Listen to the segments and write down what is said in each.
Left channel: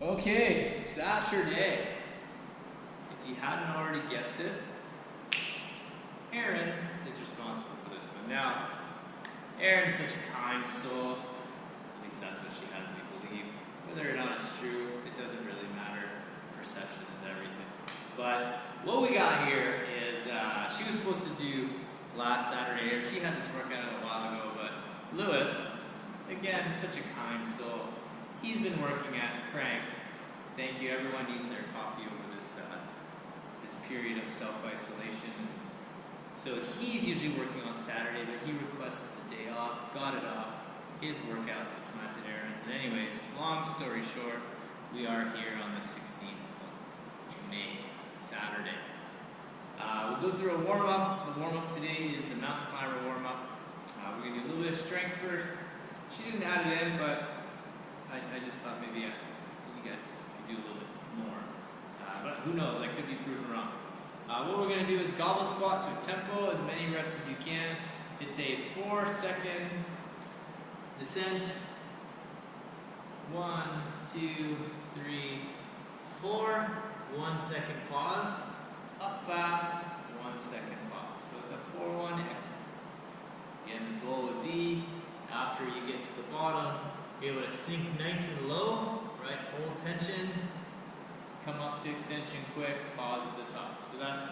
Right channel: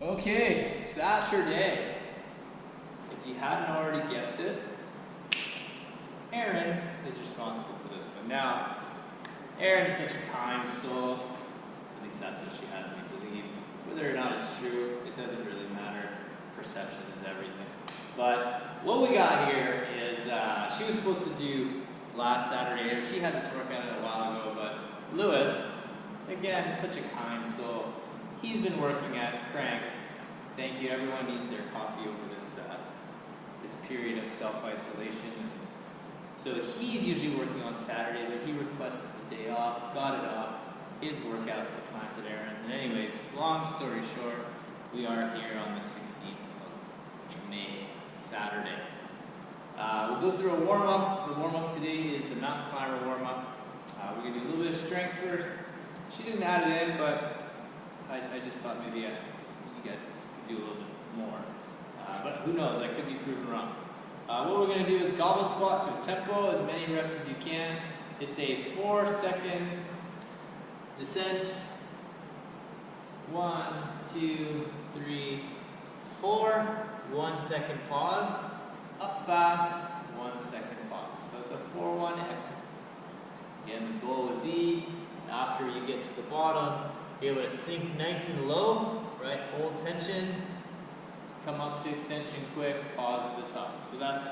Okay, Saturday. If you hadn't already guessed it, Erin is responsible for this one. Now, Erin is such a kind soul, at least that's what she has me believe. Whether or not it's true, it doesn't really matter. Perception is everything. But what we got here is, she was supposed to do last Saturday, or she had this workout a while ago, but Lewis, again, such a kind soul, he's been working at cranks. Thank you. Everyone needs their coffee over this this period of self-isolation. So he's usually working on Saturday, but he requested the day off, got it off. His workout supplanted Erin's. And anyways, long story short, we are here on the 16th of May, Saturday. We'll go through a warm-up. The warm-up today is the mountain climber warm-up. We're going to do a little bit of strength first. She didn't add it in, but I just thought maybe you guys could do a little bit more. But who knows, I could be proven wrong. What we're going to do is goblet squat to a tempo, as many reps as you can. It's a 4-second descent. 1, 2, 3, 4. 1 second pause. Up fast. 1 second pause. So it's a 4-1 exercise. Again, the goal would be, after you get to the bottom, be able to sink nice and low, right? Hold tension, come up to extension quick, pause at the top. So that's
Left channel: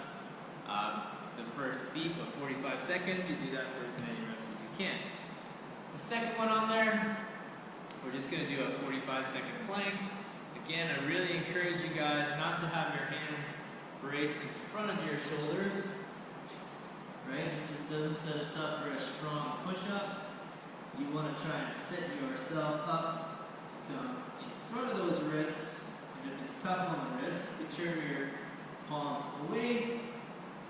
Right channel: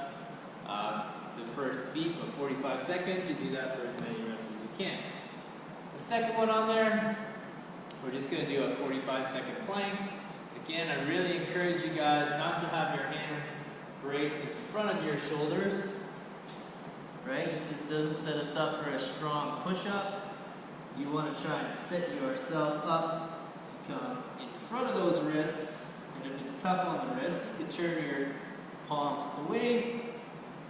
the first beat of 45 seconds. You do that for as many reps as you can. The second one on there, we're just going to do a 45-second plank. Again, I really encourage you guys not to have your hands braced in front of your shoulders. Right? This just doesn't set us up for a strong push-up. You want to try and set yourself up to come in front of those wrists. And if it's tough on the wrist, you can turn your palms away.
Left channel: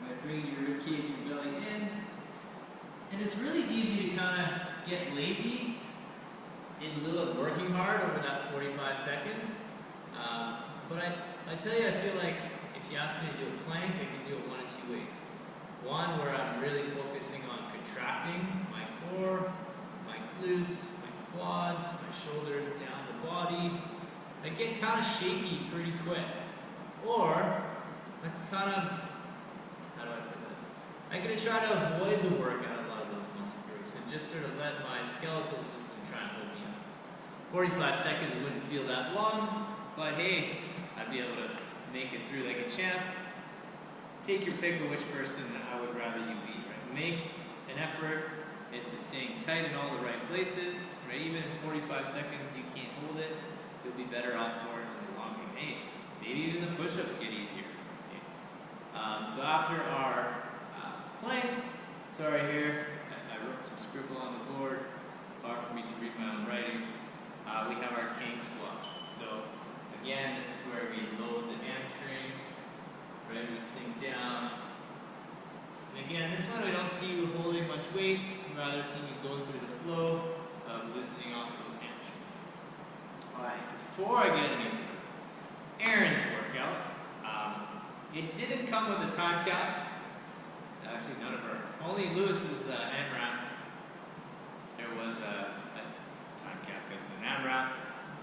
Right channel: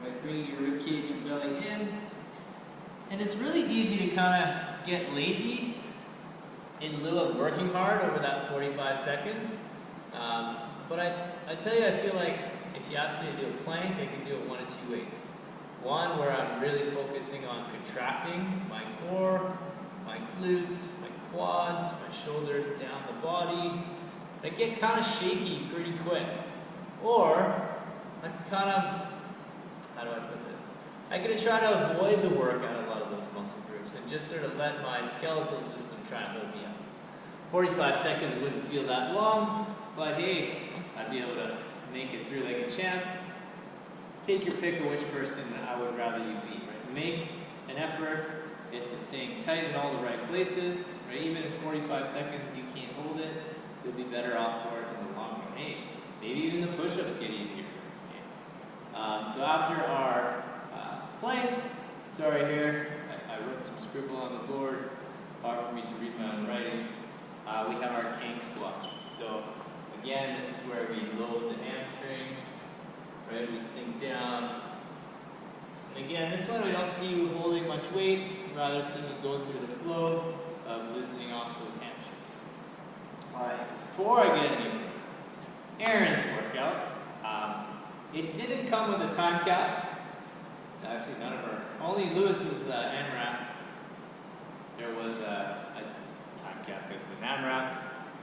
Right? Bring your rib cage and belly in. And it's really easy to kind of get lazy in lieu of working hard over that 45 seconds. But I tell you, I feel like if you ask me to do a plank, I can do it one of two ways. One, where I'm really focusing on contracting my core, my glutes, my quads, my shoulders, down the body. I get kind of shaky pretty quick. Or, I can kind of, how do I put this? I can try to avoid the work out of a lot of those muscle groups and just sort of let my skeletal system try and hold me up. 45 seconds wouldn't feel that long, but hey, I'd be able to make it through like a champ. Take your pick of which person I would rather you be, right? Make an effort into staying tight in all the right places, right? Even in 45 seconds you can't hold it, you'll be better off for it in the long run. Hey, maybe even the push-ups get easier. Okay. So after our plank, sorry here, I wrote some scribble on the board, hard for me to read my own writing. We have our king squat. So again, this is where we load the hamstrings. Right, we sink down. And again, this one we don't see you holding much weight, rather see you go through the flow of loosening off those hamstrings. Alright, before I get any further, Erin's workout, it didn't come with a time cap. Actually, none of our, only Lewis's AMRAP, there was a time cap because of an AMRAP.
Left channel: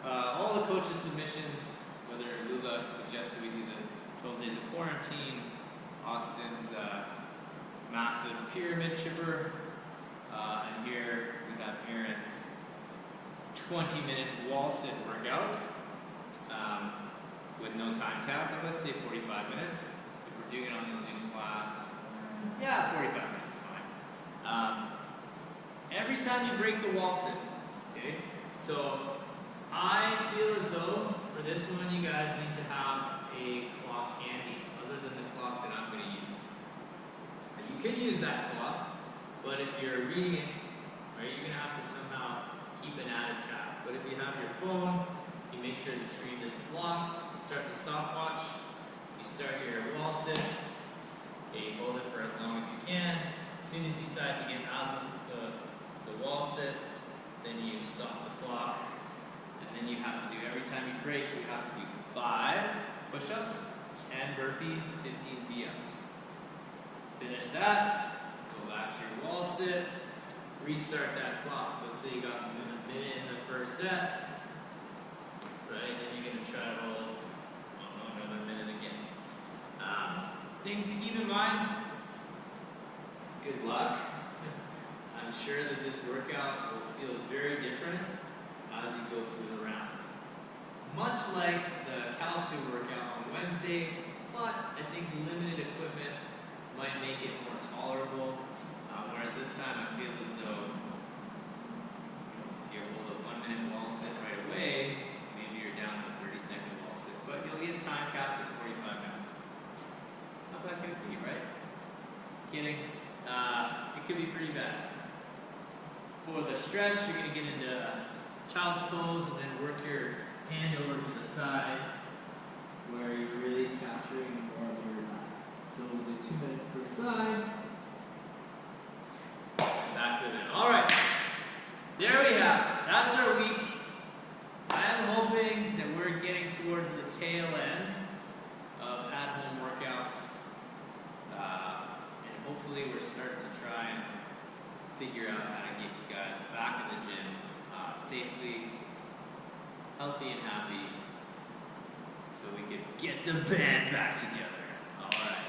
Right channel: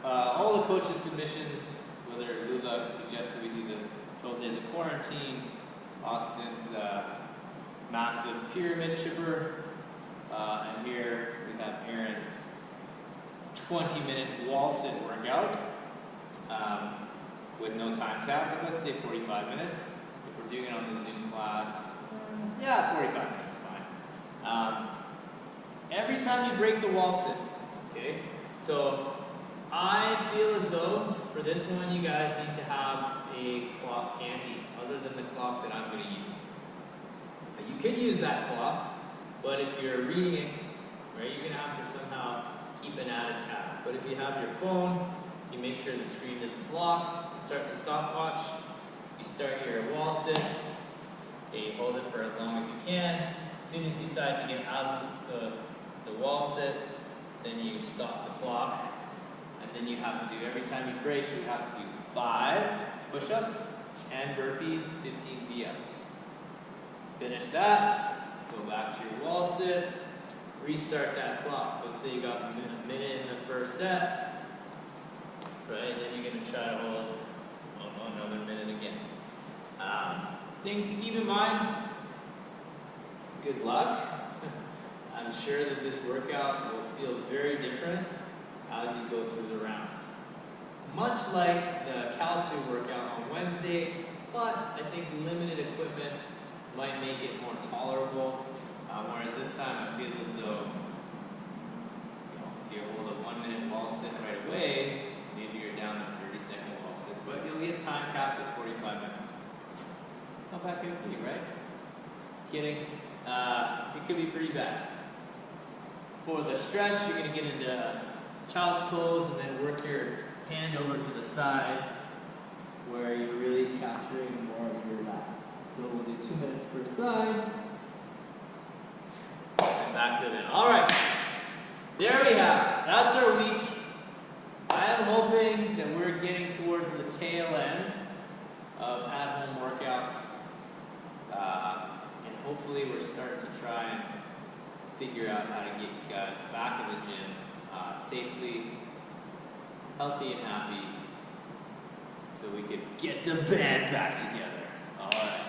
All the coaches' submissions, whether Lula suggested we do the 12 days of quarantine, Austin's massive pyramid chipper, and here we have Erin's 20-minute wall sit workout with no time cap, but let's say 45 minutes. If we're doing it on the Zoom class, yeah, 45 minutes is fine. Every time you break the wall sit, okay? So I feel as though for this one you guys need to have a clock handy, other than the clock that I'm going to use. You could use that clock, but if you're reading it, right, you're going to have to somehow keep an added tab. But if you have your phone, you make sure the screen doesn't block, you start the stopwatch, you start your wall sit, okay, you hold it for as long as you can. As soon as you decide to get out of the wall sit, then you stop the clock, and then you have to do, every time you break, you have to do 5 push-ups and burpees, 15 V-ups. Finish that, go back to your wall sit, restart that clock. So let's say you got a minute in the first set, right? Then you're going to gonna try to hold, oh no, another minute again. Things to keep in mind, good luck. I'm sure that this workout will feel very different as you go through the rounds. Much like the calcium workout on Wednesday, but I think limited equipment might make it more tolerable. Whereas this time I feel as though, if you hold a 1 minute wall sit right away, maybe you're down to 30-second wall sits, but you'll get time capped at 45 minutes. How bad could it be, right? Kidding. It could be pretty bad. For the stretch, you're going to get into child's pose and then work your hand over to the side where you're really capturing more of your lat. So we'll do 2 minutes per side. And back to it then. Alright, there we have it. That's our week. I am hoping that we're getting towards the tail end of at-home workouts. And hopefully we're starting to try and figure out how to get you guys back in the gym safely, healthy and happy, so we could get the band back together. Alright.